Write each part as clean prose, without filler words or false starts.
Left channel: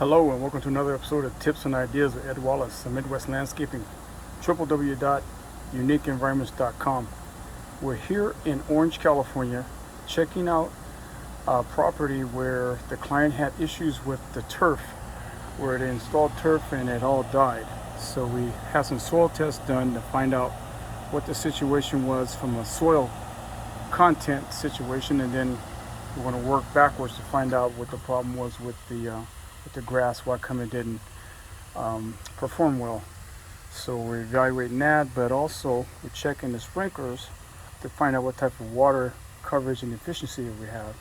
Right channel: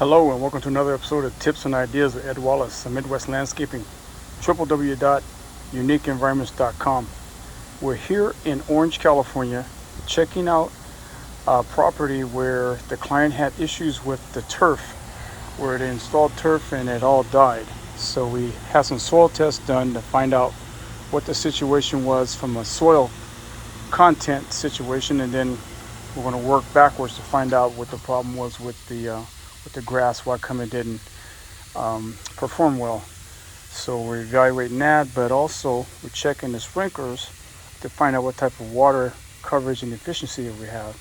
Hello and welcome to another episode of Tips and Ideas with Ed Wallace of Midwest Landscaping, www.uniqueenvironments.com. We're here in Orange, California, checking out a property where the client had issues with the turf, where they installed turf and it all died. So we had some soil tests done to find out what the situation was from a soil content situation, and then we're going to work backwards to find out what the problem was with the grass, why come it didn't perform well. So we're evaluating that, but also we're checking the sprinklers to find out what type of water coverage and efficiency we have.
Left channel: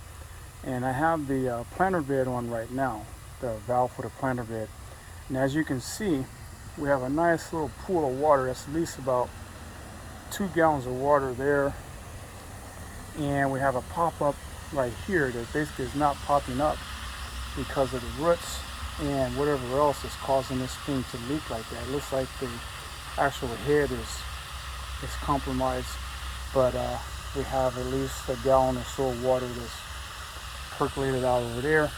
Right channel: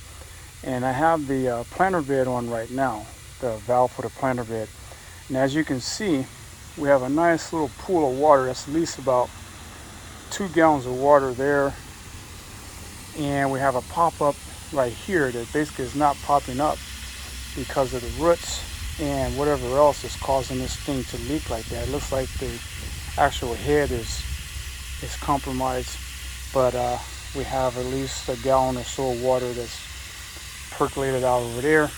And I have the planter bed on right now, the valve for the planter bed. And as you can see, we have a nice little pool of water that's at least about 2 gallons of water there. And we have a pop-up right here that basically is not popping up because of the roots and whatever else is causing this thing to leak like that. It looks like the actual head is compromised, but we have at least a gallon or so of water that's percolated out over there.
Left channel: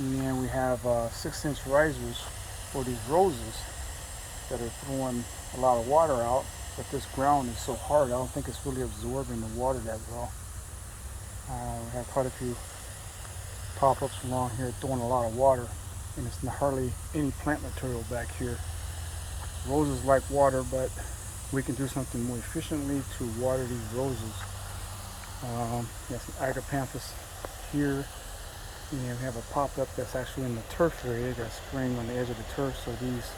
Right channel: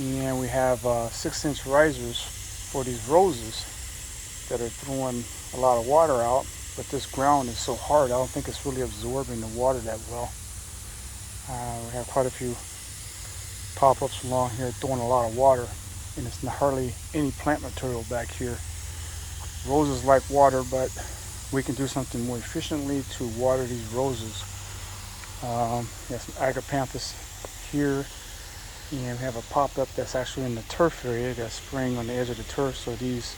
And we have 6-inch risers for these roses that are throwing a lot of water out, but this ground is so hard, I don't think it's really absorbing the water that well. We have quite a few pop-ups along here throwing a lot of water, and it's hardly any plant material back here. Roses like water, but we can do something more efficiently to water these roses. We have some agapanthus here, and we have a pop-up that's actually in the turf area that's spraying on the edge of the turf, so these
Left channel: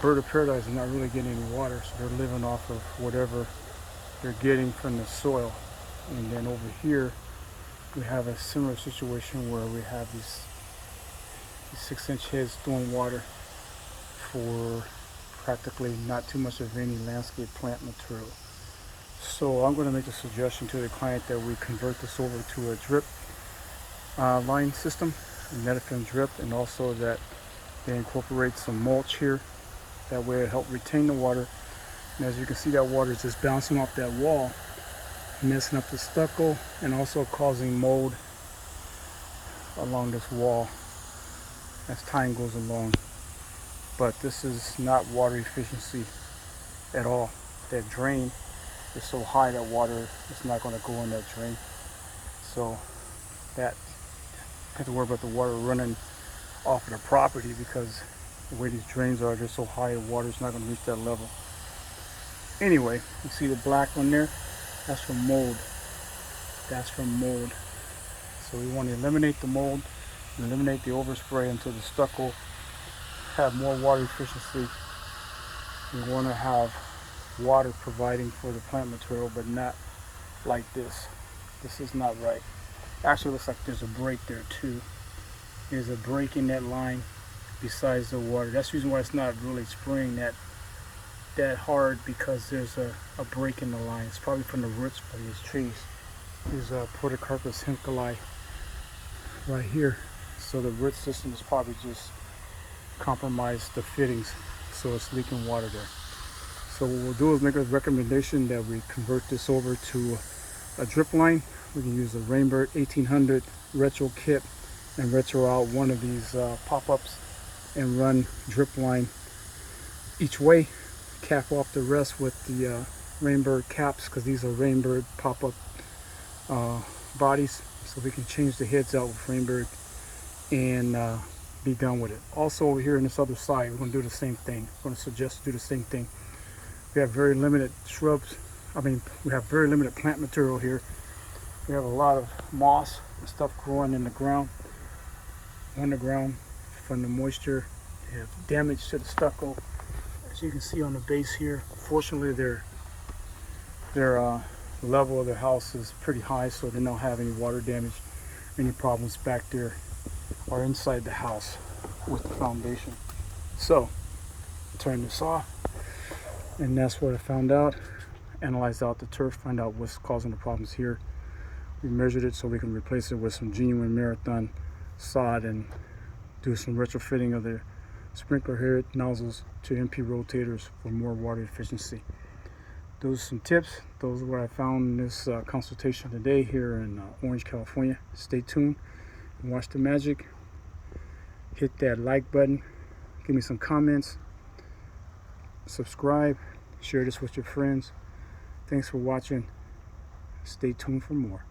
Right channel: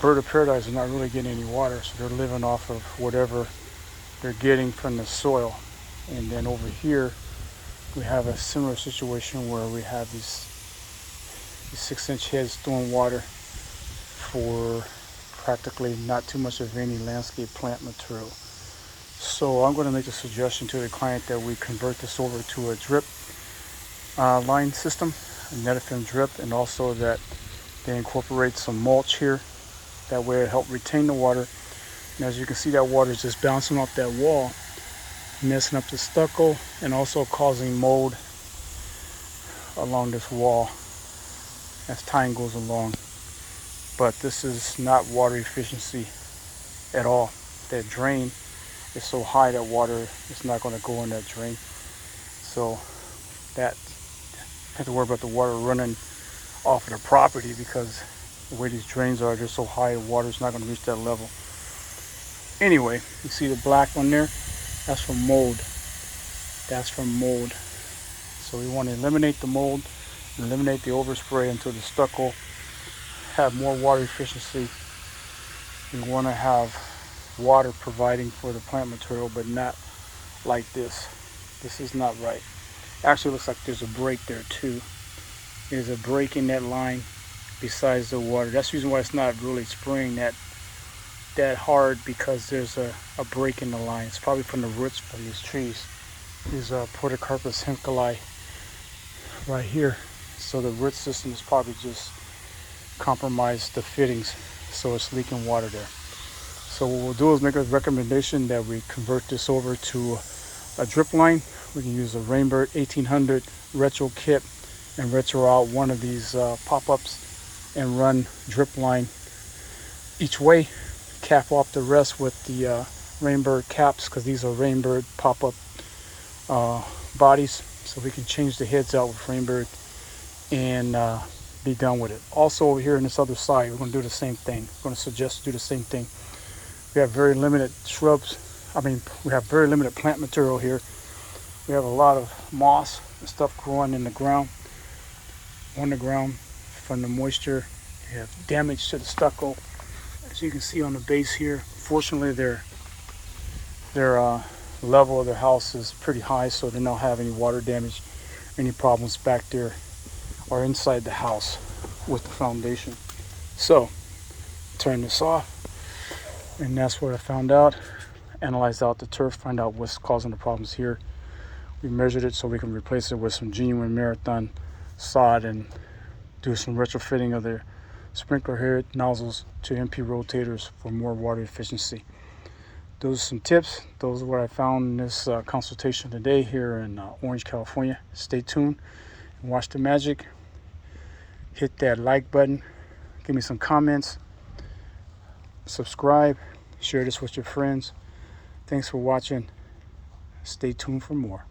bird of paradise are not really getting any water, so they're living off of whatever they're getting from the soil. And then over here we have a similar situation where we have these 6-inch heads throwing water for practically not too much of any landscape plant material. So I'm going to make a suggestion to the client that we convert this over to a drip line system, a netafim drip, and also that they incorporate some mulch here. That way it helps retain the water. And as you can see, that water is just bouncing off that wall, messing up the stucco and also causing mold along this wall as time goes along. But this is not water efficiency at all. That drain is so high that water is not going to go in that drain. So that have to worry about the water running off of the property, because the way these drains are, they're so high, the water is not going to reach that level. Anyway, you see the black on there? That's from mold. That's from mold. So we want to eliminate the mold, eliminate the overspray until the stucco have more water efficiency. We want to have water providing for the plant material, but not like this. This is not right. Actually, looks like there's a break there too. There's a break in that line besides the water. That's the reason why it's not really spraying that hard, because there's a break in the line. It's probably from the roots from these trees. These Podocarpus hincali right here. So the root system is probably just compromised the fittings, so it's leaking water there. So what we'll do is make a recommendation that we convert this over to a drip line. We can use a Rainbird 1800 retro kit and retro out one of these pop-ups and run drip line each way. Cap off the rest with the Rainbird caps, because these are Rainbird pop-up bodies, so we can change the heads out with Rainbird and be done with it. Also over here on this other side, we're going to do the same thing. I'm going to suggest to do the same thing. We have very limited we have very limited plant material here. We have a lot of moss and stuff growing in the ground, on the ground from the moisture. We have damage to the stucco. As you can see on the base here, fortunately their level of their house is pretty high, so they don't have any water damage, any problems back there or inside the house with the foundation. So turn this off, and that's what I found out. Analyzed out the turf, find out what's causing the problems here. We measured it so we can replace it with some genuine Marathon sod and do some retrofitting of their sprinkler head nozzles to MP rotators for more water efficiency. Those are some tips. Those are what I found in this consultation today here in Orange, California. Stay tuned. Watch the magic. Hit that like button. Give me some comments. Subscribe. Share this with your friends. Thanks for watching. Stay tuned for more.